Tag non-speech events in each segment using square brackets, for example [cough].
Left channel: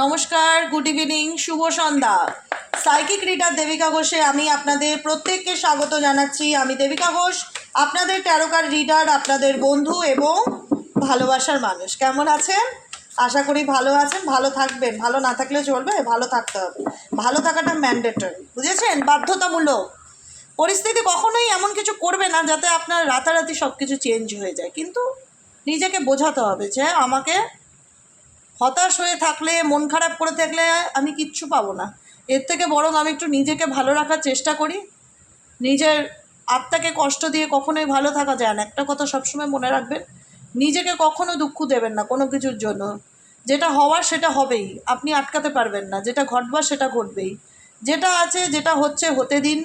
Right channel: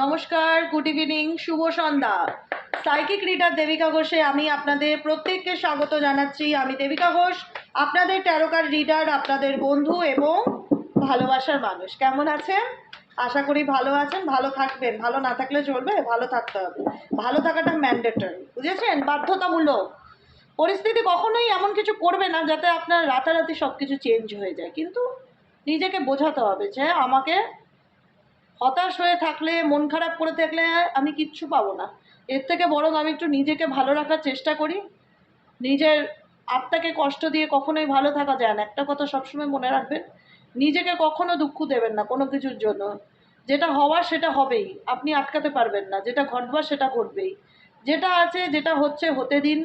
নমস্কার good evening শুভ সন্ধ্যা। সাইকিক রিডার দেবিকা ঘোষে আমি আপনাদের প্রত্যেককে স্বাগত জানাচ্ছি। আমি দেবিকা ঘোষ, আপনাদের ট্যারোকার রিডার আপনাদের বন্ধু এবং ভালোবাসার মানুষ। কেমন আছেন? আশা করি ভালো আছেন, ভালো থাকবেন। ভালো না থাকলে চলবে, ভালো থাকতে হবে। ভালো থাকাটা ম্যান্ডেটরি বুঝেছেন? বাধ্যতামূলক। পরিস্থিতি কখনোই এমন কিছু করবে না যাতে আপনার রাতারাতি সব কিছু চেঞ্জ হয়ে যায়। কিন্তু নিজেকে বোঝাতে হবে যে আমাকে হতাশ হয়ে থাকলে, মন খারাপ করে থাকলে আমি কিচ্ছু পাবো না। এর থেকে বরং আমি একটু নিজেকে ভালো রাখার চেষ্টা করি। নিজের আত্মাকে কষ্ট দিয়ে কখনোই ভালো থাকা যায় না। একটা কথা সবসময় মনে রাখবেন, নিজেকে কখনো দুঃখ দেবেন না কোনো কিছুর জন্য। যেটা হওয়ার সেটা হবেই, আপনি আটকাতে পারবেন না। যেটা ঘটবার সেটা ঘটবেই। যেটা আছে যেটা হচ্ছে হতে দিন,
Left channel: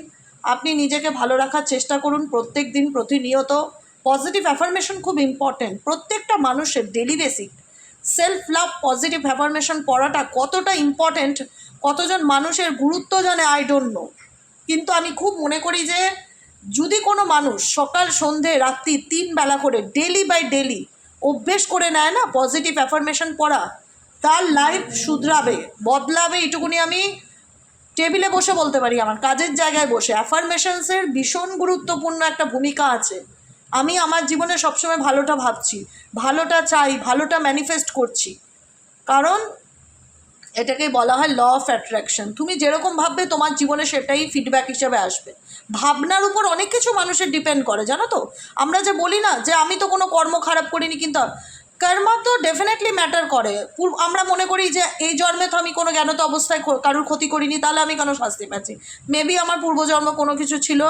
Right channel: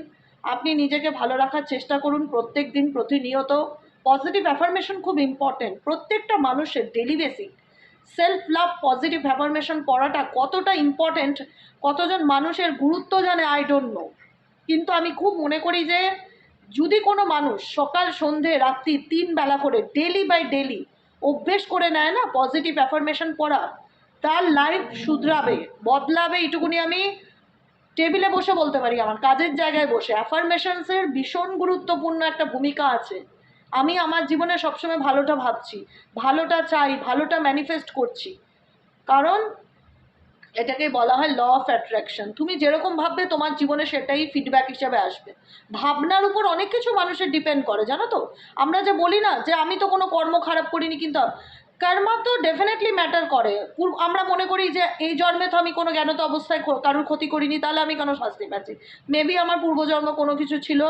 আপনি নিজেকে ভালো রাখার চেষ্টা করুন প্রত্যেক দিন প্রতিনিয়ত। পজিটিভ অ্যাফার্মেশন খুব ইম্পর্ট্যান্ট প্রত্যেকটা মানুষের daily basic self love positive affirmation পড়াটা কতটা ইম্পর্ট্যান্ট কতজন মানুষের গুরুত্ব জানে আই ডোন্ট নো কিন্তু আমি খুব মনে করি যে, যদি কোনো মানুষ সকাল, সন্ধে, রাত্রি তিন বেলা করে ডেলি বাই ডেলি অভ্যেস করে নেয় না পজিটিভ অ্যাফার্মেশন পড়া, তার লাইফ শুধরাবে, বদলাবে এইটুকুনি আমি টেবিলে বসে বলতে পারি, আমার কাজের জায়গায় বসে। অ্যাফার্মেশনসের ভীষণ গুরুত্বপূর্ণ একটা ভূমিকা আছে। আমি আমার জীবনে সবসময় ভালোটা ভাবছি, ভালোটা চাই, ভালোটা ম্যানিফেস্ট করছি। কারণ এটাকে বলা হয় ল অফ অ্যাট্রাকশন তুমি যেরকম ভাববে, তোমার জীবনে সেটাই ফিডব্যাক হিসাবে আসবে। ভাবনার উপর অনেক কিছু মানুষের ডিপেন্ড করে, জানো তো? আমরা যে বলি না যে, আমি তো কোনো কর্ম খারাপ করিনি, কিন্তু কর্মা তো ডেফিনেটলি ম্যাটার করে। আমরা মনে করি যে, এই জন্মে তো আমি কোনো জ্ঞানত অবস্থায় কারোর ক্ষতি করিনি, তাহলে আমি কেন শাস্তি পাচ্ছি? মেবি আমার পূর্বজন্ম কোনো কিছু ছিল।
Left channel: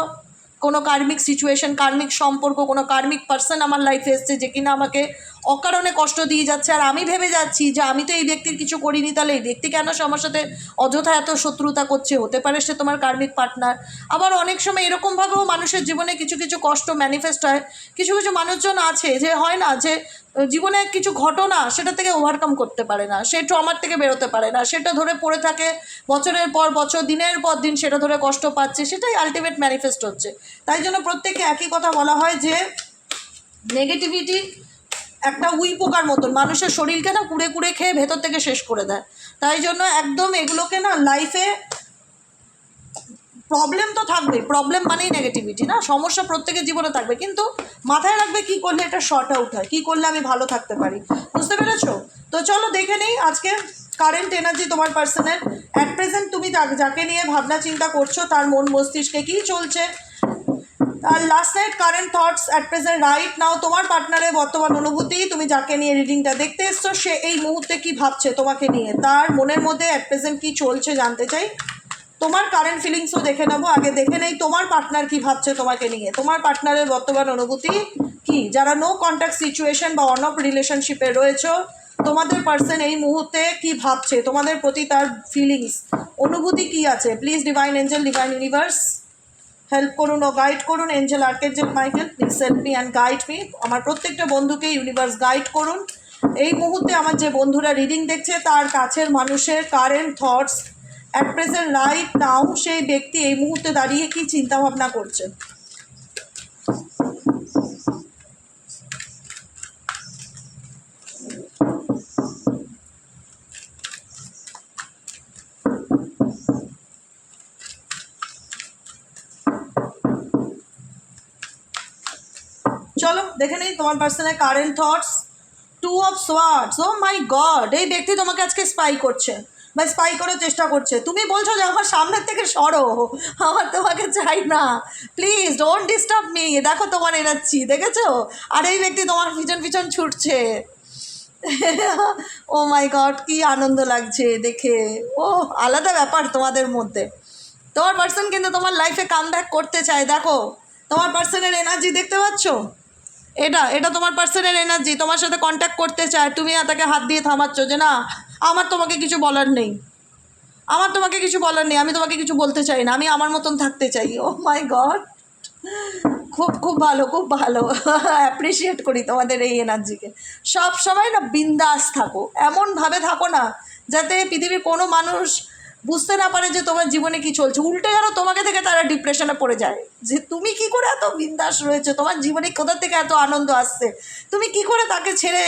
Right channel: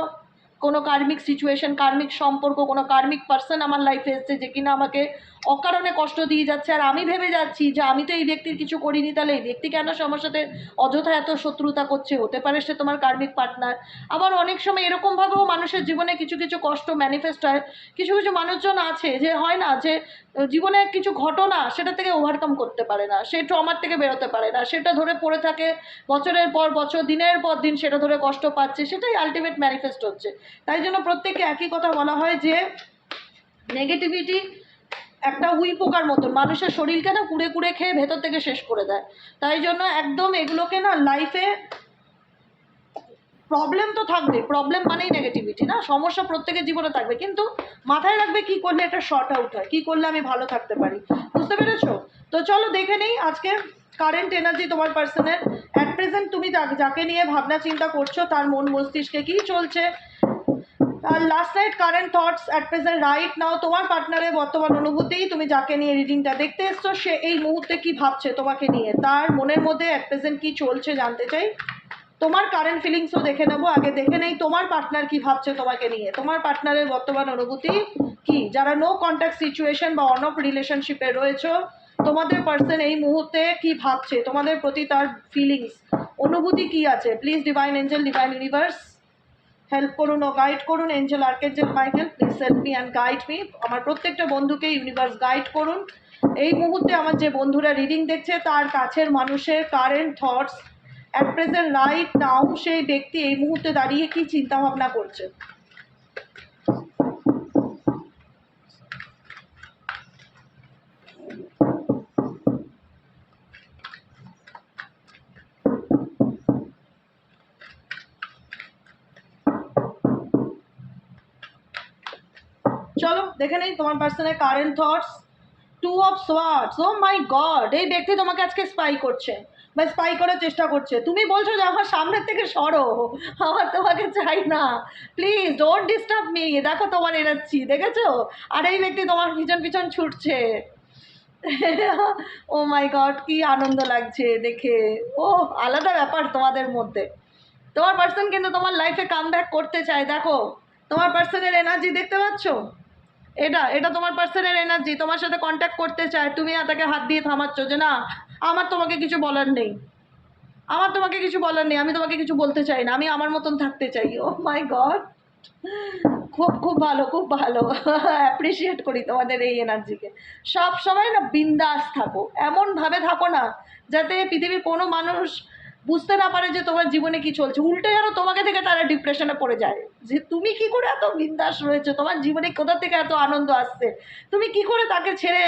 কোনো কার্মিক সিচুয়েশন কার্মিক সম্পর্ক কোনো কার্মিক পার্সন আমার লাইফে এসছে যে কিনা আমাকে অকারণে কষ্ট দিয়ে যাচ্ছে। আর আমি ভেবে যাচ্ছি যে আমি তো এই ব্যক্তির কিছু করিনি, তাহলে এই ব্যক্তি কেন আমার সাথে অযথা এত শত্রুতা করছে? হতে পারে সে তোমার কার্মিক পার্টনার আবার অনেক সময় এরকমভাবেও মানুষের জীবনে কিছু কিছু কষ্ট ম্যানিফেস্ট হয়। কিছু কিছু মানুষজন আছে যে হয় না যে জীবনে কিছু ঘটনা সেটা থেকে ওভারকাম করতে পারে না, সে ট্রমার থেকে বেরোতে পারে না, সেটা ধরে পড়ে থাকে, বছরের পর বছর, দিনের পর দিন সেটা ধরে কষ্ট পাচ্ছে, সেটাই আলটিমেট ম্যানিফেস্ট হচ্ছে। তাই জন্য প্রত্যেককে একই কথা বলা হয় যে নেগেটিভিটি একটা উই পোকার মতন। মানুষের শরীরকে না কুড়ে কুড়ে খেয়ে ভেতর থেকে শেষ করে দেয়। তাই জন্য একদম এগুলোকে না লাইফে প্রবলেম তো থাকবে প্রবলেম মানেই নেগেটিভিটি না? সমস্যা প্রত্যেকের জীবনে থাকবে। কিন্তু মাথায় রাখবে কি করলে এটা শর্ট আউট হয়? কী করলে আমি ভালো থাকতে পারি? বুঝতে পেরেছ? তো চলো দেখে নিই আজকে কারেন্ট এনার্জি তোমার পার্সনের অ্যাট প্রেজেন্ট তুমি যাকে নিয়ে ভাবনা চিন্তা করছ, তার মন মস্তিষ্কে কী চলছে? আর last night current thoughts at present right now তোমার পার্টনারের বর্তমান অনুভূতি, তুমি যাকে নিয়ে রিডিংটা দেখতে এসছো, সে এই মুহূর্তে কি ভাবছে তোমাকে নিয়ে? তার মনের মধ্যে অ্যাট প্রেজেন্ট কি চলছে জানতে চাই। তোমার কারেন্ট ফিলিংসও দেখে নেব, আগে দেখে নেই, তোমার পার্টনার কি ভাবছে তোমাকে নিয়ে? তোমার পার্টনারের বর্তমান অনুভূতি কি? যারা নো কন্ট্যাক্ট সিচুয়েশন বা অন অফ রিলেশনশিপে রয়েছো, তোমাদের পার্সন এই মুহূর্তে কি ভাবছে? তোমাদের প্রতি তার ফিলিংস অনুভূতি কি আছে? Please divine angel divine universe help করুন ও গাইড করুন angel archangel Michael please help me and guide me আমার প্রত্যেকটা বন্ধুকে ইউনিভার্স গাইড করুন। এই মুহূর্তে আমার যে বন্ধুরা রিডিং দেখছে, তার কাছের মানুষের current thoughts at present right now সেই ব্যক্তি এই মুহূর্তে দাঁড়িয়ে কী চিন্তাভাবনা করছে? দেখে নেই তোমার পার্সনের current thoughts two of swords oh my god এই ব্যক্তি তোমাকে আজকে স্পাই করছে বা স্পাই করার চেষ্টা করছে। তুমি বলছো যে আমার সামনের থেকে সরো। আমার তোমাকে চাই না। প্লিজ ডোন্ট ডিস্টার্ব মি দেখো তোমার এনাচ্ছি দেখেছ? আর এই ব্যক্তি তোমার পিছন পিছন ছুটছে। ও মাই গড কি আনন্দ লাগছে দেখে। ও, আলাদা ব্যাপার তোমাদের মধ্যে। তোমার পার্সন কিন্তু তোমার লাইফে কাম করতে চায়। দেখো, তোমার পার্সনের এনার্জি দেখতে পাচ্ছ? এটা এটা তোমার পার্সোনাল এনার্জি তোমার সাথে কন্ট্যাক্ট করতে চায়, তুমি তাকে হাত দিয়ে থামাচ্ছ যে না, আমার তোমাকে কিছু বলার নেই। আমার তোমাকে কিছু বলার নেই, আমি তোমাকে কিছু বলতে চাই না, আমি আমার মতন থাকতে চাই। ও মাই গড খুব খুব ভালো খুব ভালো। [laughs] অ্যাপ্রিসিয়েট করি তোমাদের এই এনার্জিকে সব সময় না বিন্দাস থাকো। এমনভাবে থাকো না, যাতে পৃথিবীর কোনো মানুষ বুঝতে না পারে যে তোমার জীবনে কি চলছে। উল্টে যেন তোমাকে দেখে তারা ডিপ্রেশনে পড়ে যায়। যে তুমি কি করে এত বিন্দাস রয়েছে? তোমার জীবনে কোথা থেকে এত আনন্দ আসছে? তুমি কি করে তাকে ছেড়ে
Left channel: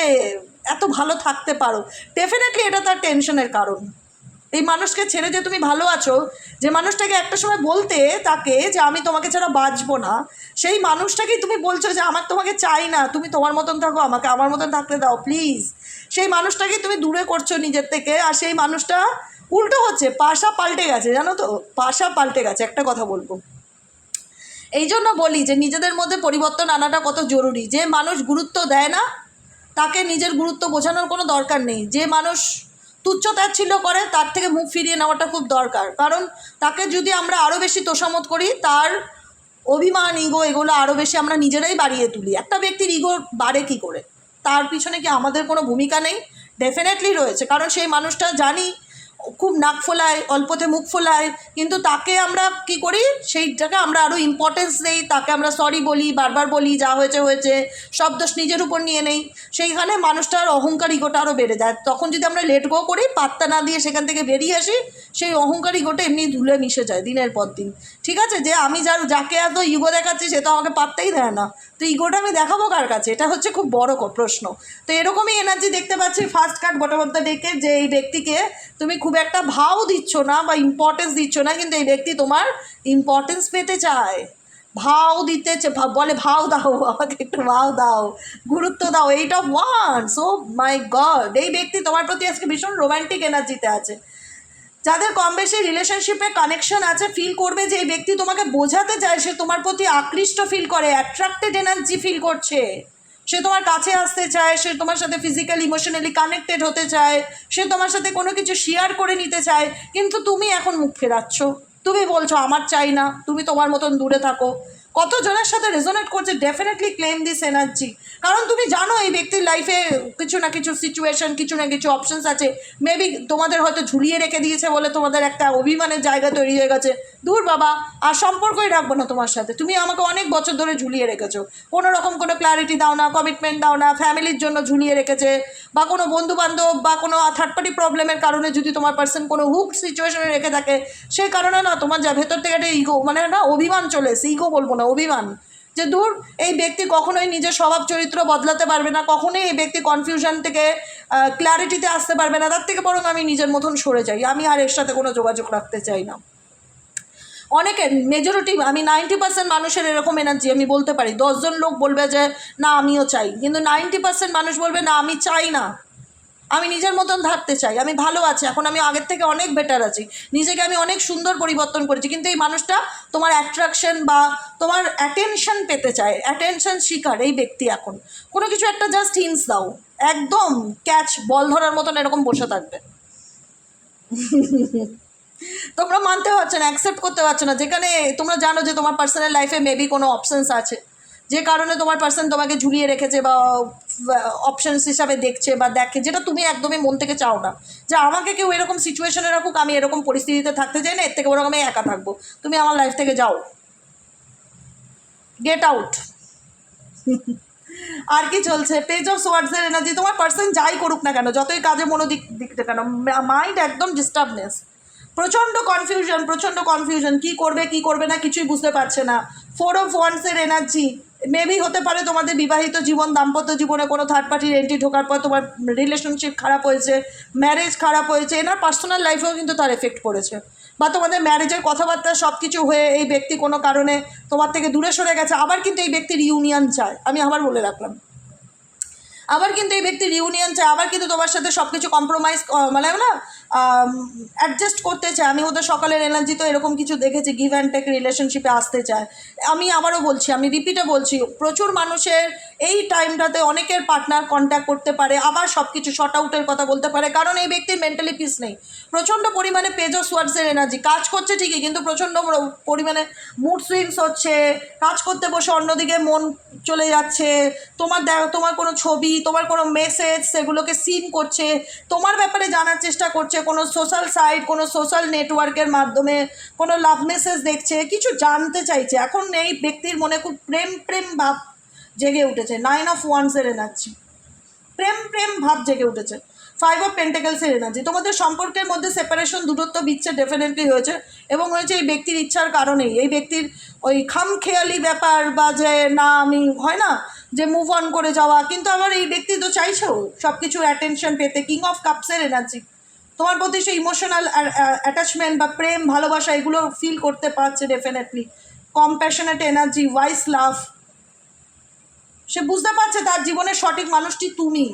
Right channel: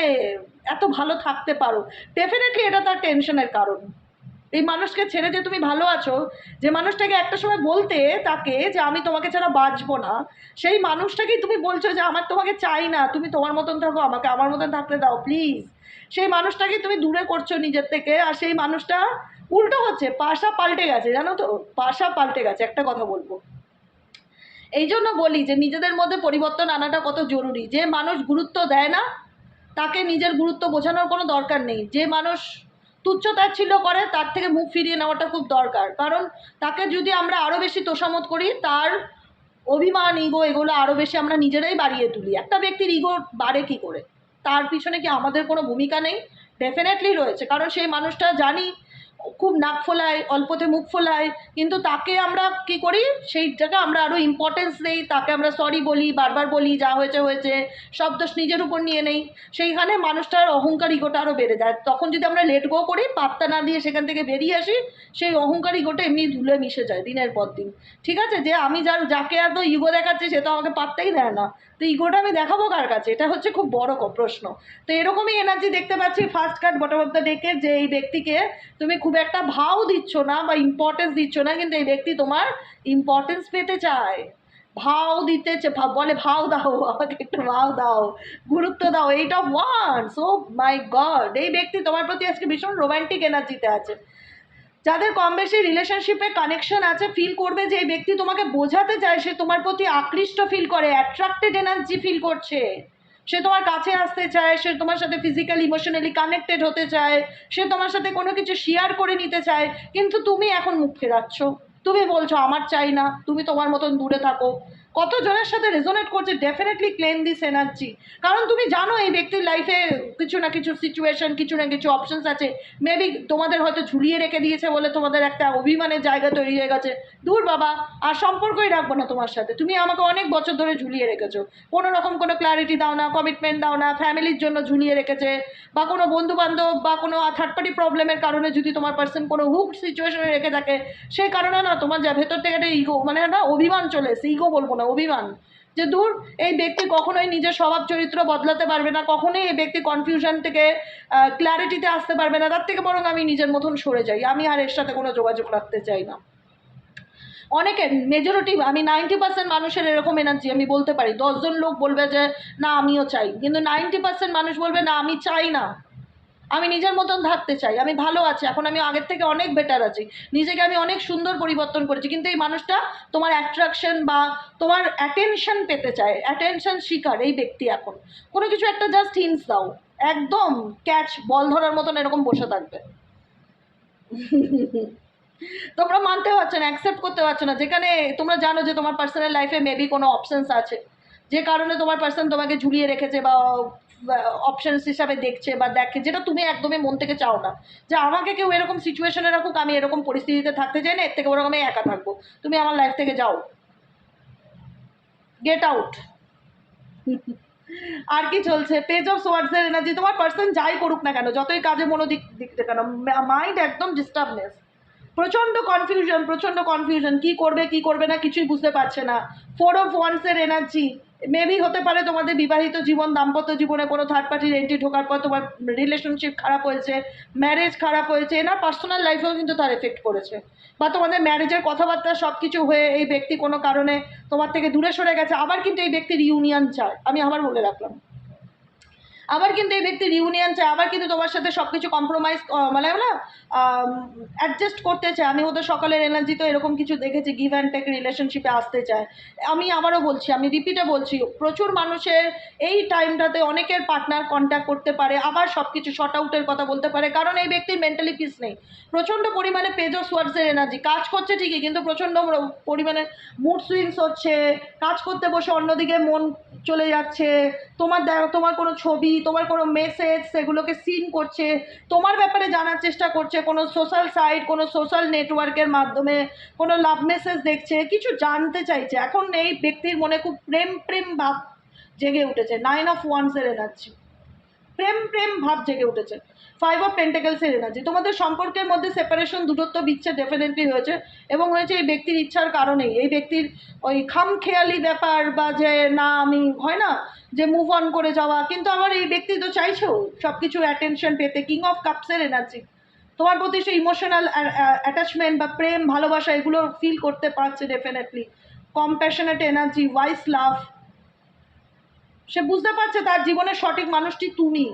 এত ভালো থাকতে পারো? ডেফিনেটলি এটা তার টেনশনের কারণ। এই মানুষকে ছেড়ে যে তুমি ভালো আছো, যে মানুষটাকে একটা সময় বলতে তাকে যে আমি তোমাকে ছাড়া বাঁচবো না, সেই মানুষটাকেই তুমি বলছো যে আমার তোমাকে চাই না, তুমি তোমার মতন থাকো, আমাকে আমার মতন থাকতে দাও প্লিজ সেই মানুষটাকে তুমি দূরে করছ নিজের থেকে, আর সেই মানুষটা উল্টো হচ্ছে, পাশা পাল্টে গেছে, জানো তো? পাশা পাল্টে গেছে, একটা কথা বলব। এই জন্য বলি যে, নিজেদের মধ্যে পরিবর্তন আনাটা কত জরুরি। যে মানুষ গুরুত্ব দেয় না, তাকে নিজের গুরুত্ব বোঝানোর কোনো দরকার নেই। যে মানুষ তুচ্ছতাচ্ছিল্য করে, তার থেকে মুখ ফিরিয়ে নেওয়াটা খুব দরকার। কারণ তাকে যদি আমরা আরও বেশি তোষামত করি, তার অভিমান ইগো এগুলো আরও বেশি আমরা নিজেরাই বাড়িয়ে তুলি। একটা ব্যক্তির ইগো বাড়ে কি করে? তার পিছনে কি আমাদের কোনো ভূমিকা নেই? ডেফিনেটলি রয়েছে। কারণ সেই মানুষটা জানি খুব নাক ফোলায়, অল্পতে মুখ ফোলায়, কিন্তু তাকে আমরা কি করি? সেইটাকে আমরা আরও ইম্পর্টেন্স দিই, তাকে আমরা সরি বলি, বারবার বলি, যা হয়েছে হয়েছে, সব দোষ নিজের উপর নিয়ে নেই। সেইখানে মানুষটার অহংকার ইগোটা আরও বেড়ে যায়। তখন যদি আমরা লেট গো করি, পাত্তা না দিয়ে সেখান থেকে বেরিয়ে আসি, সেই অহংকার ইগোটা এমনি ধুলে মিশে যায় দিনের পর দিন। ঠিক আছে? যে আমি যার, যাকে এত ইগো দেখাচ্ছি, সে তো আমাকে পাত্তাই দেয় না। তো ইগোটা আমি দেখাবো কার কাছে? এটা হচ্ছে খুব বড় প্রশ্ন। তো এরকমই এনার্জি দেখতে পাচ্ছি first card bottom of the যে এই ব্যক্তিকে তুমি খুব একটা ভাও দিচ্ছ না বা ইম্পর্টেন্স দিচ্ছ না, কিন্তু এই ব্যক্তি তোমার ইম্পর্টেন্স পেতে চায়। ভাও দিতে বলে ভাও দাও, আমাকে একটু ভাও দাও, গুরুত্ব দাও, এইটা ওয়ান সো মাই গড এই ব্যক্তি তোমার প্রতি আজকে ভীষণ রোমান্টিক এনার্জিতে আছে। যাদের কম বেশি রিলেশনশিপে কানেকশন আছে ফিল করবে যে এই ব্যক্তি তোমাকে বোঝাতে চায়, সে তোমার প্রতি আকৃষ্ট ফিল করে অ্যাট্রাক্টেড এনার্জি ফিল করছে। সে তোমার কাছে আসতে চায়, সে তোমার সাথে ফিজিক্যালি ইমোশনালি কানেক্টেড হতে চায়, সে তোমার সাথে কোনো কিছু শেয়ার করে নিতে চায়, কিন্তু তুমি এখন মুখ ফেরাচ্ছ। তুমি বলছো, আমার চাই না, তুমি তোমার মতন দূরে থাকো। কত জনের সাথে রেজোনেট করছে? ডেফিনেটলি ক্লেম দিস এনার্জি কারণ তুমি জানো এই ব্যক্তির লাইফে কিছু না কিছু সিচুয়েশন কিছু না কিছু অপশনস আছে। মেবি তোমাদের হয়তো ঝুলিয়ে রেখে দিয়েছে বলে তোমাদের একটা অভিমানের জায়গা তৈরি হয়ে গেছে। দূর বাবা, আর সম্পর্কই রাখব না তোমার সাথে। তুমি আমাকে অনেক বছর ধরে ঝুলিয়ে রেখেছো। কোনো রকম কোনো ক্লারিটি দাও না কমিটমেন্ট দাও না ফ্যামিলির জন্য ঝুলিয়ে রেখেছে, বা কোনো বন্ধু বান্ধব বা কোনো থার্ড পার্টি প্রবলেমের কারণে যদি তোমার পার্সন কোনো হুক সিচুয়েশনে রেখে থাকে সেই কারণে না তোমার যা ভেতর থেকে একটা ইগো মানে না অভিমান চলে এসে ইগো বলব না অভিমান? যে দূর এই ব্যক্তি কখনোই নিজের স্বভাব চরিত্র বদলাতে পারবে না, কখনোই এই ব্যক্তি কনফিউশন থেকে ক্ল্যারিটিতে আসতে পারবে না, তার থেকে বরং আমি নিজের মতন সরে যাই, আমি আর এর সাথে কোনো যোগাযোগ রাখতে চাই না। অনেকের মেজরিটি আমি নাইনটি পার্সেন্ট মানুষের এরকম এনার্জি আমি বলতে পারি, দশজন লোক বলবে যে, না, আমিও চাই। কিন্তু নাইনটি পার্সেন্ট মানুষ বলবে, না, আমি চাই না। আমি নিজের মতন থাকতে চাই, আমি ভালো আছি, এখন আমি আগের থেকে অনেক বেটার আছি। নিজেকে আমি অনেক সুন্দর পরিবর্তন করেছি, কিন্তু এই মানুষটা তোমার অ্যাট্রাকশন বা তোমার অ্যাটেনশন পেতে চায় অ্যাটেনশন শিকার এই ব্যক্তি এখন। কোনো কিছু একটা জাস্ট হিন্স দাও, একদম ক্যাচ বল ধরার মতন এরকম বসে থাকবে। তোমরা মানতে পারছ না অ্যাকসেপ্ট করতে পারছ না, যেখানে তোমরা জানো যে তোমার পার্সোনাল লাইফে মেবি কোনো অপশানস আছে। যে কারণে তোমার পার্সন তোমাকে ঝুলিয়ে রেখেছে বা অপশনস হিসাবে দেখছে বা দেখে, যেটা তুমি একদমই মন থেকে চাও না। যে আমাকে কেউ এরকম সিচুয়েশনে রাখুক, আমি এরকম পরিস্থিতিতে থাকতে চাই না এর থেকে ওরকম আমি একা থাকব। তুমি আমার লাইফ থেকে যাও। গেট আউট [laughs] আর কি চলছে? পেজ অফ সোয়ার্ডসের এনার্জি তোমার পার্সন যাই করুক না কেন, যতই কাজে মনোদিক দিক না কেন মাইন্ড একদম ডিস্টার্বনেস প্রচণ্ড কনফিউশন প্রচণ্ড কনফিউশন কি করবে কি করবে না কিছুই বুঝতে পারছে না। ফোর অফ ওয়ান্সের এনার্জি মেবি হতে পারে তোমাদের বিবাহিত জীবন, দাম্পত্য জীবনে কোনো থার্ড পার্টির এন্ট্রি ঢোকার পর তোমার রিলেশনশিপ খারাপ হয়েছে ম্যারেজ খারাপ হয়েছে, এনার পার্সোনাল লাইফেও কিন্তু তার এফেক্ট পড়েছে। বা তোমাদের ম্যারেজের কথাবার্তা সব কিছু হয়ে এই ব্যক্তি কোনো কারণে তোমার থেকে দূরে সরে গেছে, আবার কিন্তু এই ব্যক্তির ইউনিয়ন চায়। আমি আবার বলে রাখলাম। আবার কিন্তু এই ব্যক্তি রিউনিয়ন চায়, আবার কিন্তু তোমার সাথে সব কিছু কম্প্রোমাইজ মানে না অ্যাডজাস্ট করতে চায়। আমি ওদের সকালের এনার্জি তো এরকম কিছু দেখেছি গিভ অ্যান্ড টেক রিলেশনশিপে আসতে চায়। আমি আবারও বলছি, আমি রিপিটে বলছি, প্রচুর মানুষের এই টাইমটাতে অনেকের পার্টনার কন্ট্যাক্ট করতে পারে, আবার সব কিছু শর্ট আউটের কথা বলতে পারে, কারণ এই ব্যক্তির মেন্টালি পিস নেই। প্রচণ্ড পরিমাণে পেজ অফ এনার্জি কাজ করছে ঠিকই, কিন্তু প্রচণ্ড পরিমাণে মুড সুইংস হচ্ছে, কাজ করতে বসে অন্যদিকে মন চলে যাচ্ছে, তোমার দেখ, তোমার কোনো ছবি তোমার কোনো মেসেজ সেগুলোকে সিন করছে, তোমার ব্যাপারে জানার চেষ্টা করছে, কোনো সোশ্যাল সাইট কোনো সোশ্যাল নেটওয়ার্কের মাধ্যমে কোনো লাভ মেসেজ দেখছে, কিছু জানতে চাইছে। এখন এই ব্যক্তির মনে খুব প্রেম প্রেম ভাব জেগে উঠেছে। নাইন অফ ওয়ান্সের এনার্জি প্রেম প্রেম ভাব জেগে উঠেছে। ফাইভ অফ পেন্টাকেলসের এনার্জি তোমাদের সম্পর্কের মধ্যে সেপারেশন দূরত্ব বিচ্ছে ডেফিনেটলি হয়েছে এবং হয়েছে এই ব্যক্তির ইচ্ছার কারণেই। এই ব্যক্তির ওই খামখেয়ালি ব্যাপার বা যে না আমি, হয় না? যে মুভ অন করে যাওয়া। কিন্তু আমার এই ব্যক্তি তো চাইছেও সব কিছুর অ্যাটেনশন পেতে। কিং অফ কাপসের এনার্জি তোমার প্রতি সেই ইমোশনাল অ্যাটাচমেন্ট বা প্রেম, ভালোবাসা, এগুলো ফিল করতে পারছে definitely compassionate energy wise love সে বুঝতে পারছে তার জীবনের সঠিক মানুষটি তুমি।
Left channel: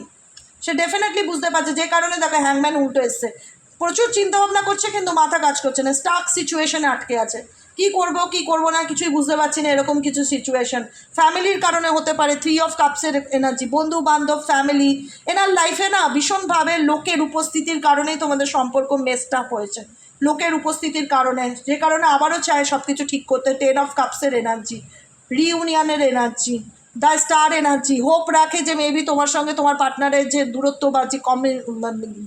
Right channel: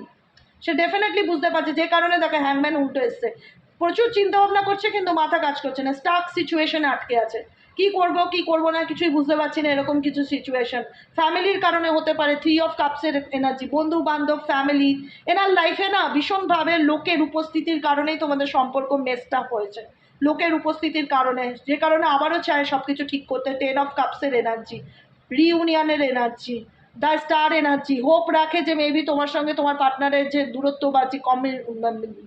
সে ডেফিনেটলি বুঝতে পারছে যে কারণে দেখো হ্যাংম্যান উল্টো এসছে। প্রচুর চিন্তা ভাবনা করছে, কিন্তু মাথা কাজ করছে না। স্টাক সিচুয়েশনে আটকে আছে। কি করব কি করব না, কিছুই বুঝতে পারছি না, এরকম কিছু সিচুয়েশন ফ্যামিলির কারণে হতে পারে থ্রি অফ কাপসের এনার্জি বন্ধু বান্ধব ফ্যামিলি এনার লাইফে না ভীষণভাবে লোকের উপস্থিতির কারণেই তোমাদের সম্পর্ক মেস্ট আপ হয়েছে। লোকের উপস্থিতির কারণে, যে কারণে আবারও চায় সব কিছু ঠিক করতে টেন অফ কাপসের energy রিউনিয়নের energy the star energy hope রাখে যে মেবি তোমার সঙ্গে তোমার পার্টনারের যে দূরত্ব বা যে কমে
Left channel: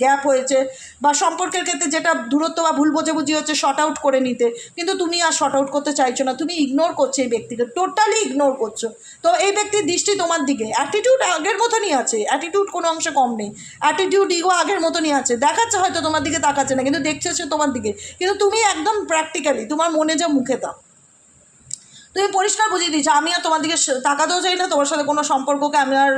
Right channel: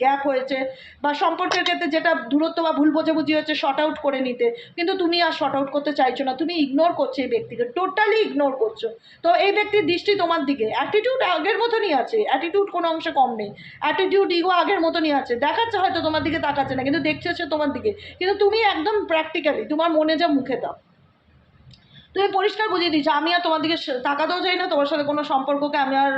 গ্যাপ হয়েছে বা সম্পর্কের ক্ষেত্রে যেটা দূরত্ব বা ভুল বোঝাবুঝি হচ্ছে শর্ট আউট করে নিতে। কিন্তু তুমি আর শর্ট আউট করতে চাইছো না, তুমি ইগনোর করছ এই ব্যক্তিকে টোটালি ইগনোর করছ। তো এই ব্যক্তির দৃষ্টি তোমার দিকে। অ্যাটিটিউড আগের মতনই আছে অ্যাটিটিউড কোনো অংশে কম নেই। অ্যাটিটিউড ইগো আগের মতনই আছে। দেখাচ্ছে হয়তো তোমার দিকে তাকাচ্ছে না, কিন্তু দেখছে সে তোমার দিকে। কিন্তু তুমি একদম প্র্যাকটিক্যালি তোমার মনে যা মুখে দাও। তুমি পরিষ্কার বুঝিয়ে দিচ্ছ আমি আর তোমার দিকে তাকাতেও চাই না, তোমার সাথে কোনো সম্পর্ককে আমি আর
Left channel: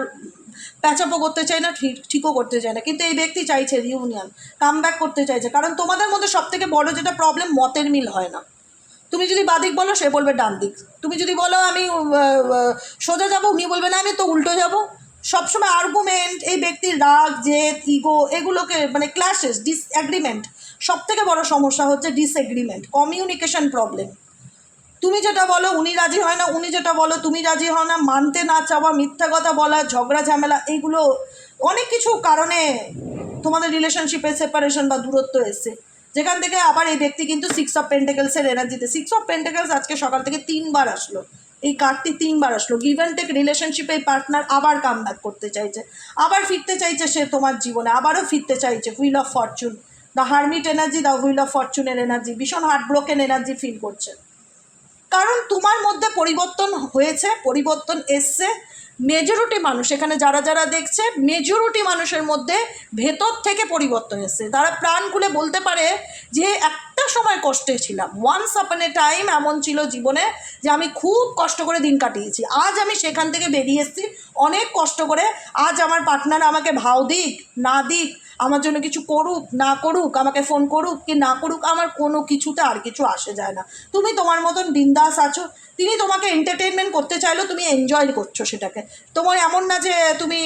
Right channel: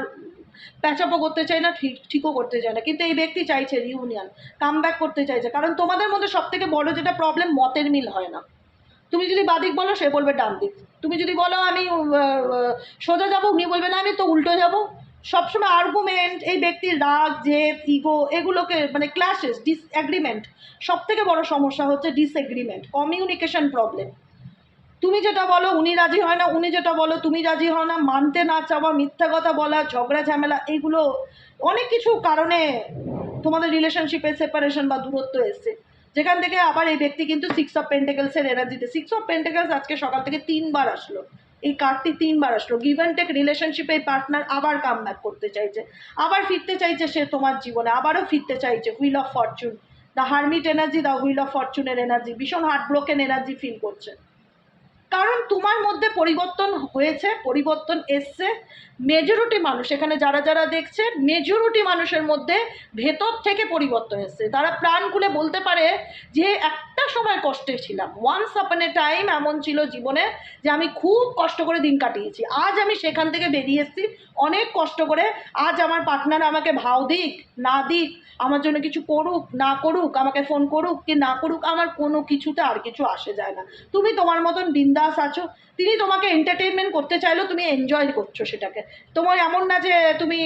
প্যাচাপও করতে চাই না, ঠিক, ঠিকও করতে চাই না। কিন্তু এই ব্যক্তি চাইছে রিউনিয়ন কাম ব্যাক করতে চাইছে। কারণ তোমাদের মধ্যে সব থেকে বড় যেটা প্রবলেম মতের মিল হয় না। তুমি যদি বাদিক বলো, সে বলবে ডান দিক। তুমি যদি বলো, আমি সোজা যাব, উনি বলবে, না, আমি তো উল্টো যাব। সবসময় আর্গুমেন্ট এই ব্যক্তির রাগ, জেদ ইগো এগুলোকে মানে ক্লাসেস ডিসএগ্রিমেন্ট সব থেকে বড় সমস্যা হচ্ছে ডিসএগ্রিমেন্ট কমিউনিকেশন প্রবলেম তুমি যেটা বলো, উনি রাজি হয় না, উনি যেটা বলো, তুমি রাজি হয় না, মানতে না চাওয়া, মিথ্যা কথা বলা, ঝগড়া, ঝামেলা, এইগুলো অনেক কিছু কারণে তোমাদের রিলেশনশিপে সেপারেশন বা দূরত্ব এসছে। যেখান থেকে আবার এই ব্যক্তি কিন্তু সিক্স অফ পেন্টেকেলসের এনার্জিতে সিক্স অফ পেন্টেকেলস আজকে সকাল থেকে তিনবার আসলো। এই কার্ডটি তিনবার আসলো। গিভ অ্যান্ড টেক রিলেশনশিপে পার্টনার আবার কাম ব্যাক করতে চাইছে। আবার ফিরতে চাইছে সে তোমার জীবনে। আবারও ফিরতে চাইছে। Wheel of fortune the hermit energy the wheel of ফরচুনের energy ভীষণ হার্ট ব্রোকেন এনার্জি ফিল করছে। কারণ তোমার মধ্যে পরিবর্তন হয়েছে, পরিবর্তন এসছে। মেজরিটি মানুষ, এখানে যারা যারা দেখছে মেজরিটি মানুষের মধ্যে ভেতর থেকে পরিবর্তন এসছে। তারা প্রাণ খুলে বলতে পারে যে একটা সময় কষ্টে ছিলাম। ওয়ান্স আপন এ টাইম এমন ছিল জীবনে যে আমি খুব কষ্ট করে দিন কাটিয়েছি। আজ আমি সেখান থেকে বেরিয়ে এসেছি, অনেক কষ্ট করে। আজ আমার পার্টনার আমাকে ভাও দিক, না দিক আমার জন্য কিছু করুক, না করুক, আমাকে ফোন করুক, কি না করুক, আমার কোনো কিছুতে আর কিছু আসে যায় না। তুমি তোমার মতন বিন্দাস আছো তিনি তোমাকে এন্টারটেনমেন্ট করতে চাইলেও তুমি এনজয় করছ সেটাকে। তোমার এমন না যে তুমি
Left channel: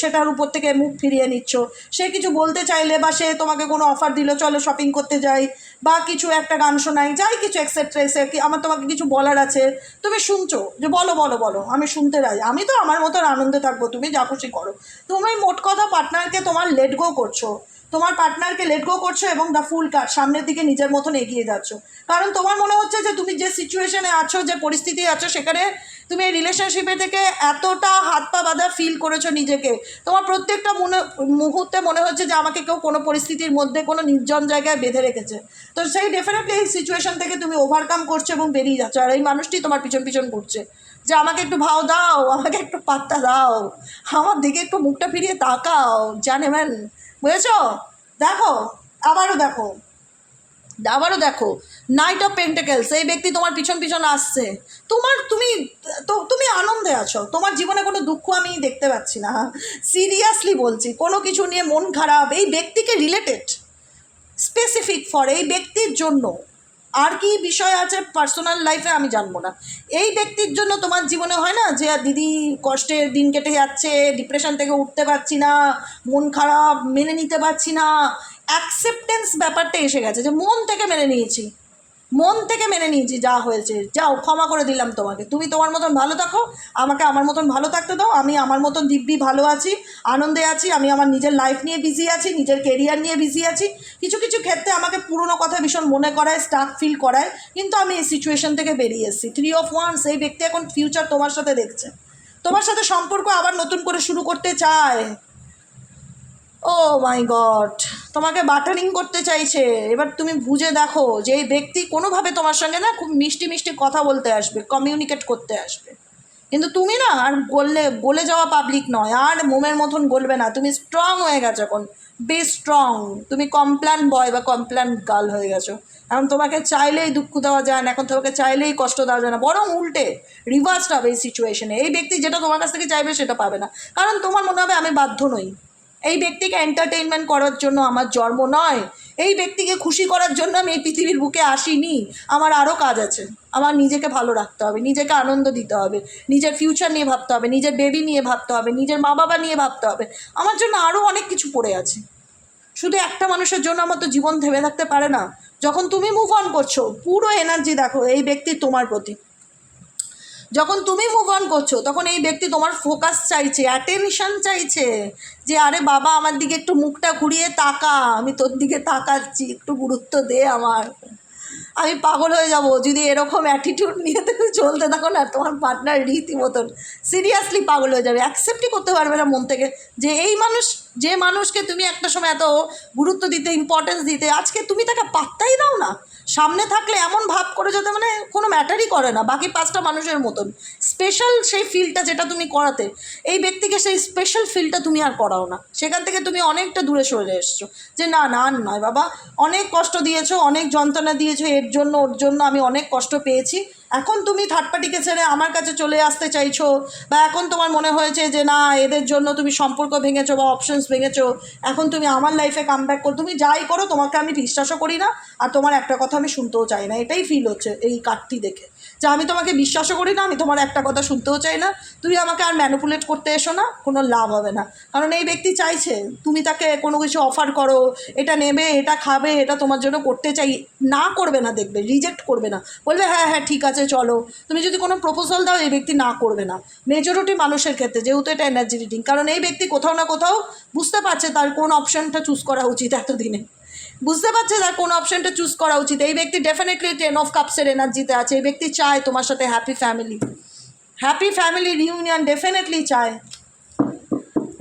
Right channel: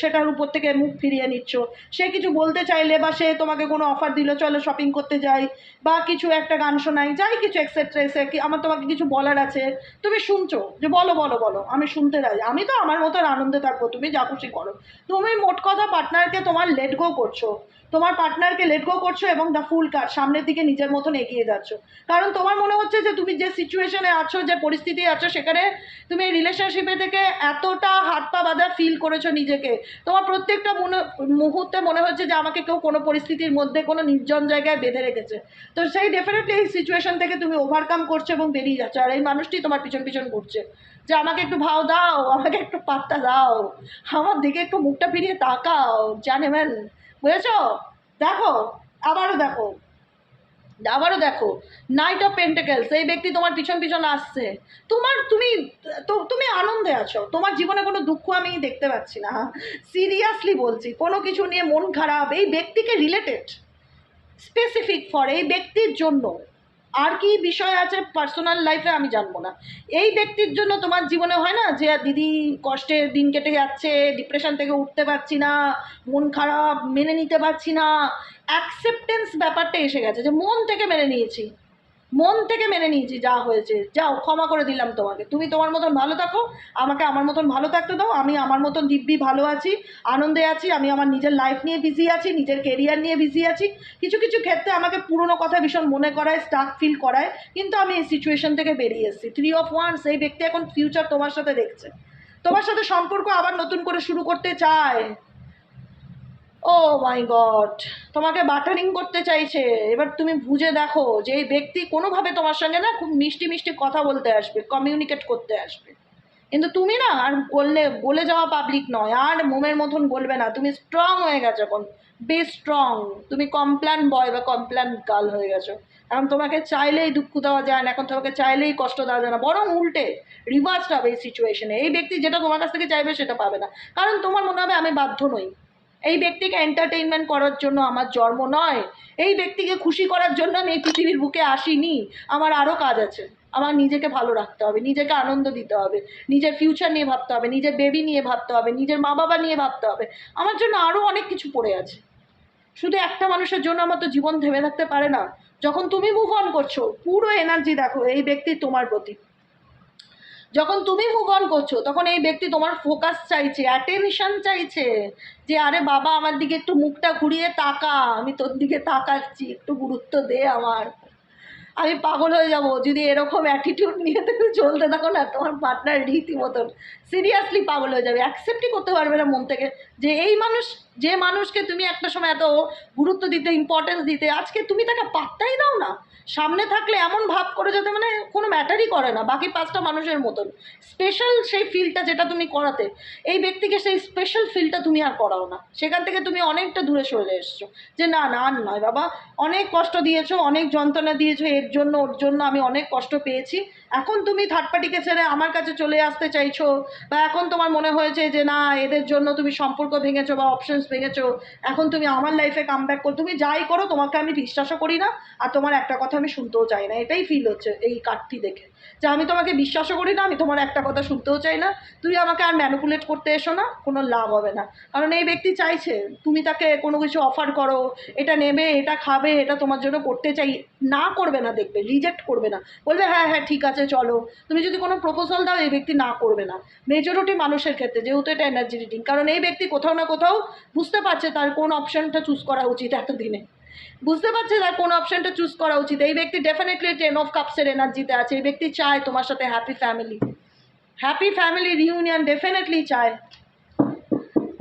সেটার উপর থেকে মুখ ফিরিয়ে নিচ্ছ। সে কিছু বলতে চাইলে বা সে তোমাকে কোনো অফার দিল, চলো শপিং করতে যাই বা কিছু একটা গান শোনাই, যাই কিছু এক্সেট্রা এসে আমার তোমাকে কিছু বলার আছে, তুমি শুনছো যে বলো বলো বলো, আমি শুনতে রাই আমি তো আমার মতন আনন্দে থাকব, তুমি যা খুশি করো। তুমি মোট কথা পার্টনারকে তোমার লেট গো করছ। তোমার পার্টনারকে লেট গো করছ এবং দ্য ফুল কার সামনের দিকে নিজের মতন এগিয়ে যাচ্ছ। কারণ তোমার মনে হচ্ছে যে তুমি যে সিচুয়েশনে আছো, যে পরিস্থিতি আছো, সেখানে তুমি এই রিলেশনশিপে থেকে এতটা হাত পা বাঁধা ফিল করেছ নিজেকে। তোমার প্রত্যেকটা মনে, মুহূর্তে মনে হচ্ছে যে আমাকে কেউ কোনো পরিস্থিতির মধ্যে, কোনো নির্জন জায়গায় বেঁধে রেখেছে। তো সেই ডেফিনেটলি এই সিচুয়েশন থেকে তুমি ওভারকাম করছ এবং বেরিয়ে যাচ্ছ। আর এই মানুষটি তোমার পিছন পিছন করছে যে আমাকে একটু ভাও দাও, আমাকে একটু পাত্তা দাও, আমার দিকে একটু মুখটা ফিরিয়ে তাকাও জানেন বুঝেছ? দেখো, আবারও দেখো। আবারও দেখো নাইট অফ পেন্টেকেলস এই ব্যক্তি তোমার পিছন পিছন আসছে। তোমার, তুমি, তো, তুমি আনন্দে আছো। তোমার জীবনে কোনো দুঃখ আমি দেখতে পাচ্ছি না। সিরিয়াসলি বলছি, কোনো কিছু নিয়ে মন খারাপ, এই ব্যক্তিকে রিলেটেড স্পেসিফিক ফর এই ব্যক্তির জন্য। আর কি বিষয় আছে পার্সোনাল লাইফে আমি জানব না। এই ব্যক্তির জন্য তোমার জীবনে হয় না যে দিদি কষ্টে দিন কেটে যাচ্ছে ডিপ্রেশন থেকে উঠতে পারছি না, মন খারাপ, মেনে নিতে পারছি না। অ্যাকসেপ্টেন্স ব্যাপারটা এসে গেছে যে, মন থেকে মেনে নিয়েছি। মন থেকে মেনে নিয়েছি, যা হয়েছে। যাও, ক্ষমা করে দিলাম তোমাকে। তুমি তোমার মতন ভালো থাকো, আমাকে আমার মতন ভালো থাকতে দাও। আমি আমার মতন দিব্যি ভালো আছি, আনন্দে আছি, আমি আমার নিজের লাইফ নিয়ে বিজি আছি, নিজের কেরিয়ার নিয়ে বিজি আছি। কিছু কিছু ক্ষেত্রে আমাকে পুরনো কথা ভীষণ মনে করায় স্টাক ফিল করায়। কিন্তু আমি এই সিচুয়েশন থেকে বেরিয়ে এসেছি। থ্রি অফ ওয়ান্স এই ব্যক্তি এখন ফিউচার তোমার সাথে দেখছে। তোমার সাথে সম্পর্ক আবার নতুন করে শুরু করতে চায়। ও মাই গড তোমাকে বাটারিং করতে চাইছে। এবার তুমি বুঝে দেখো যে এই ব্যক্তি কোনোভাবে তোমার সঙ্গে না খুব মিষ্টি মিষ্টি কথা বলতে আসবে কমিউনিকেট করতে আসবে। কিন্তু তুমি না আর গললে গলে যাওয়া পাবলিক নয়, আর মোমের মতন গলবে না। তুমি স্ট্রং হয়ে গেছো এখন। বি স্ট্রং তুমি কমপ্ল্যান বয় বা কমপ্ল্যান গার্ল হয়ে গেছো। এখন তোমাকে চাইলেই দুঃখ দেওয়া যায় না, এখন তোমাকে চাইলেই কষ্ট দেওয়া যায় না। বরং উল্টে রিভার্সড হবে এই সিচুয়েশনে এই ব্যক্তি যেটা তোমার কাছ থেকে চাইবে সেটা পাবে না। কারণ তোমার মনে হবে আমি বাধ্য নই। এই ব্যক্তিকে এন্টারটেইনমেন্ট করার জন্য আমার জন্ম নয়। এই ব্যক্তিকে খুশি করার জন্য আমি এই পৃথিবীর বুকে আসিনি। আমার আরও কাজ আছে। আমার নিজেকে ভালো রাখতে হবে, নিজেকে আনন্দ দিতে হবে, নিজের ফিউচার নিয়ে ভাবতে হবে, নিজের বেবি নিয়ে ভাবতে হবে, নিজের মা বাবা নিয়ে ভাবতে হবে। আমার জন্য আরও অনেক কিছু পড়ে আছে। শুধু একটা মানুষের জন্য আমার তো জীবন থেমে থাকতে পারে না। যখন তুমি মুভ অন করছ, পুরো এনার্জি দেখো, এই ব্যক্তি তোমার প্রতি। যখন তুমি মুভ অন করছ, তখন এই ব্যক্তি তোমার ফোকাস চাইছে অ্যাটেনশন চাইছে যে, আরে বাবা, আমার দিকে একটু মুখটা ঘুরিয়ে তাকা, আমি তোর দিকে তাকাচ্ছি, একটু গুরুত্ব দে আমার। আমি পাগল হয়ে যাব, যদি এরকম অ্যাটিটিউড নিয়ে তুমি চলতে থাকো না, তোমার পার্টনার রীতি মতন সিরিয়াসলি পাগল হয়ে যাবে। অ্যাকসেপ্টই করতে পারবে না মন থেকে যে, এই মানুষ, যে মানুষকে তুমি একটা সময় এত গুরুত্ব দিতে ইম্পর্টেন্স দিতে, আজকে তুমি তাকে পাত্তাই দাও না। সামনে থাকলে এমন ভাব করে যাতে মানে কোনো ম্যাটারই করে না, বাকি পাঁচটা মানুষের মতন। স্পেশাল সেই ফিলটা যেটা তুমি করাতে, এই ব্যক্তিকে সেই স্পেশাল ফিলটা তুমি আর করাও না। সেখান থেকে তুমি অনেকটা দূরে সরে এসছো। যে না না, আর নয়, বাবা। অনেক কষ্ট দিয়েছ, অনেক যন্ত্রণা দিয়েছ, এর জন্য, ওর জন্য আমি অনেক কষ্ট পেয়েছি। এখন তুমি থার্ড পার্টিকে ছেড়ে আমার কাছে চলে আসতে চাইছো? বা এখন তোমার মনে হয়েছে যে না, এদের জন্য তুমি সম্পর্ক ভেঙেছো বা অপশনস ভেঙেছো, এখন তুমি আমার লাইফে কাম ব্যাক করো, তুমি যাই করো, তোমাকে আমি বিশ্বাসও করি না, আর তোমার একটা কথা আমি শুনতেও চাই না। এটাই ফিল হচ্ছে এই কার্ডটি দেখে। যে আমি তোমাকে বিশ্বাসও করি না, আমি তোমার একটা কথা শুনতেও চাই না। তুমি আমাকে আর ম্যানুপুলেট করতে এসো না, কোনো লাভ হবে না। কারণ এই ব্যক্তি চাইছে, তুমি তাকে কোনো কিছু অফার করো, এটা নেবে, এটা খাবে, এটা তোমার জন্য করতে চাই, না করবে না, দেখবে রিজেক্ট করবে না। বলবে হ্যাঁ হ্যাঁ ঠিক আছে চলো, তুমি যদি কোনো প্রপোজাল দাও, এই ব্যক্তি না করবে না। মেজরিটি মানুষের ক্ষেত্রে, যেহেতু এটা এনার্জি রিডিং কারণ এই ব্যক্তি কোথাও না কোথাও বুঝতে পারছে তার কোন অপশনটা চুজ করা উচিত এতদিনে। বুঝতে পারছে তার কোন অপশনটা চুজ করা উচিত। এই ব্যক্তি ডেফিনেটলি টেন অফ কাপসের এনার্জিতে আছে। এই ব্যক্তি চায় তোমার সাথে happy family happy family reunion definitely চায়।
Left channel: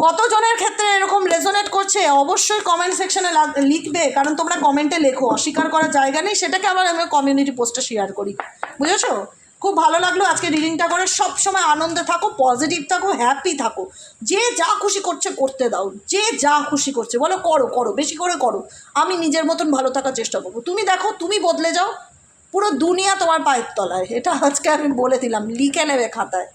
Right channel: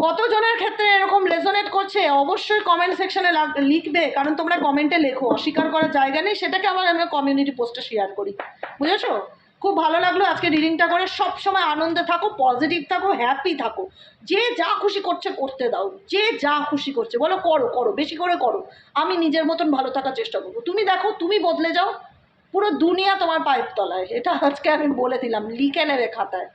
কতজনের ক্ষেত্রে এরকম রেজোনেট করছে, অবশ্যই কমেন্ট সেকশনে লিখবে, কারণ তোমরা কমেন্টে লেখো, অস্বীকার করার জায়গা নেই, সেটাকে আবার আমি কমিউনিটি পোস্টে শেয়ার করি। বুঝেছ? খুব ভালো লাগল আজকে রিডিংটা করে, সবসময় আনন্দ থাকো পজিটিভ থাকো হ্যাপি থাকো। যে যা খুশি করছে, করতে দাও। যে যা খুশি করছে, বলো করো করো, বেশি করে করো। আমি নিজের মতন ভালো থাকার চেষ্টা করব। তুমি দেখো, তুমি বদলে যাও, পুরো দুনিয়া তোমার পায়ের তলায়। এটা আজকে আমি বলে দিলাম, লিখে নেবে খাতায়।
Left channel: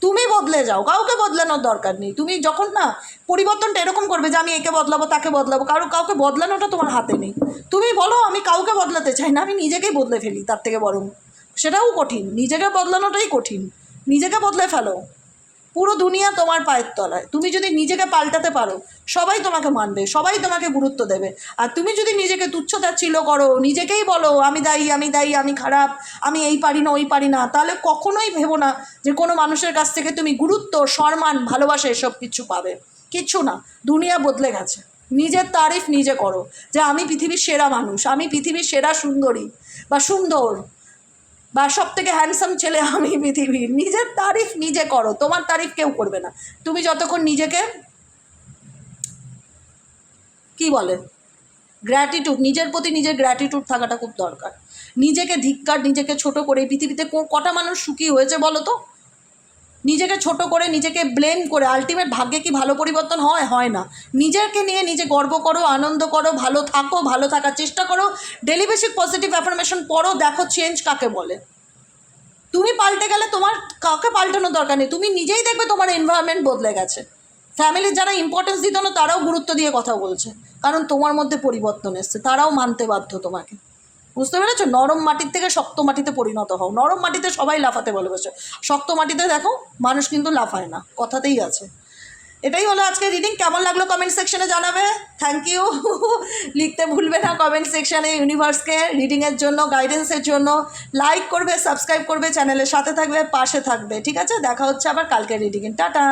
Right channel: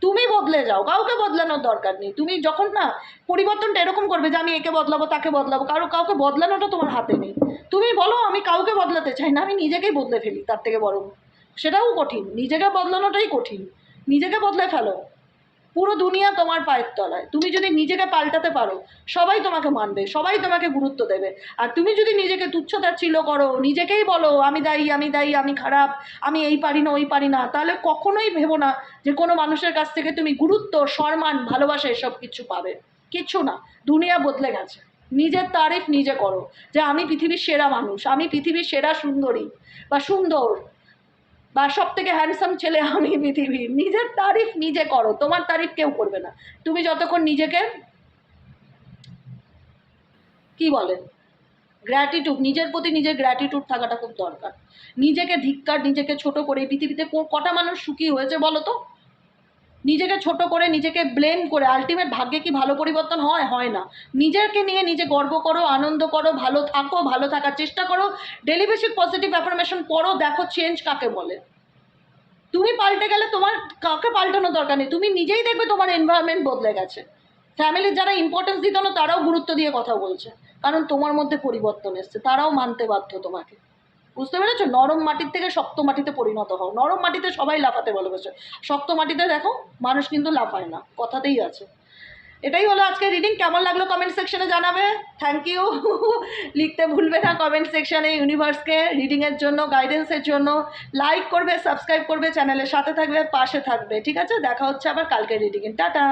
তুমি বদলে যাও, কাউকে বদলানোর দরকার নেই। তুমি যখন না পরিবর্তনটা এরকম করবে যে আমি একে বদলাবো, তাকে বদলাবো, কারও, কাউকে বদলানোটা তোমার হাতে নেই। তুমি বলো, আমি কাউকে বদলাতে চাই না, আমি নিজেকেই বদলে ফেলি তার থেকে বরং। সেটাও কঠিন, নিজেকে বদলানোটাই কঠিন। নিজেকে বদলে ফেলো। পুরো দুনিয়া তোমার পায়ের তলায়। তুমি যদি নিজেকে পাল্টাতে পারো, সবাই তোমাকে মানবে, সবাই তোমাকে গুরুত্ব দেবে। আর তুমি যদি নিজেকে তুচ্ছতাচ্ছিল্য করো, নিজেকেই বলো, আমি দায়ী আমি দায়ী, আমি খারাপ, আমি এই পারি না, ওই পারি না, তাহলে কখনোই ভেবো না যে কোনো মানুষের কাছ থেকে তুমি গুরুত্ব, সম্মান, ভালোবাসা এসব কিছু পাবে। কিচ্ছু না, দুনিয়া বদলে গেছে। নিজের তারিফ নিজে করো যে, আমি পৃথিবীর সেরা মানুষ, আমি পৃথিবীর সেরা সুন্দরী বা সুন্দর। বা সব থেকে হ্যান্ডসাম ছেলে আমি পৃথিবীর। নিজের তারিফ নিজে করো, তোমার তারিফ কেউ করবে না। তুমি যতক্ষণ নিজেকে কি বলে? গ্র্যাটিটিউড নিজের প্রতি নিজের গ্র্যাটিটিউড থাকাটা খুব দরকার। নিজেকে ধিক্কার, নিজেকে ছোট করে পৃথিবীতে কটা মানুষ সুখী হয়েছে বলো তো? নিজেকে ছোট করে, নিজেকে ব্লেম করে আলটিমেট ভাগ্যে কি ভালো পরিবর্তন হয়? হয় না। নিজেকে নিয়ে নিজে গর্ব করো, আনন্দ করো, ভালো থাকো, ভালো থাকার চেষ্টা করো ডেলি বেসিক পজিটিভ অ্যাফার্মেশন পড়ো, দেখো চেঞ্জ কাকে বলে। তুমি পাল্টে গেলে তোমার কাউকে পাল্টানোর দরকার নেই? তুমি নিজেই দেখবে তোমার এনভায়রনমেন্ট বদলে গেছে। ফ্যামিলির যারা ইম্পর্টেন্স দিত না, তারাও গুরুত্ব দিয়ে কথা বলছে। কারণ তোমার মধ্যে পরিবর্তন এসছে, তারাও মানতে বাধ্য তোমাকে। বুঝতে পেরেছ? নরম মাটির থেকে শক্ত মাটিতে পরিণত হও। নরম মাটিতে সবাই লাফাতে ভালোবাসে। শক্ত মাটিতে দেখো, মানুষ কিন্তু লাফায় না। কথাতেই আছে। এটাই হলো আজকে রিডিং কেমন লাগল কমেন্ট সেকশনে জানাবে? থ্যাংক ইউ [laughs] লিখতে ভুলবে না কমেন্ট সেকশনে ইউনিভার্সকে রিডিংয়ের জন্য গাইডেন্সের জন্য। লাইক করবে সাবস্ক্রাইব করবে চ্যানেলের সাথে থাকবে, পাশে থাকবে। ঠিক আছে? দেখা হচ্ছে আবার কালকে রিডিংয়ে টাটা!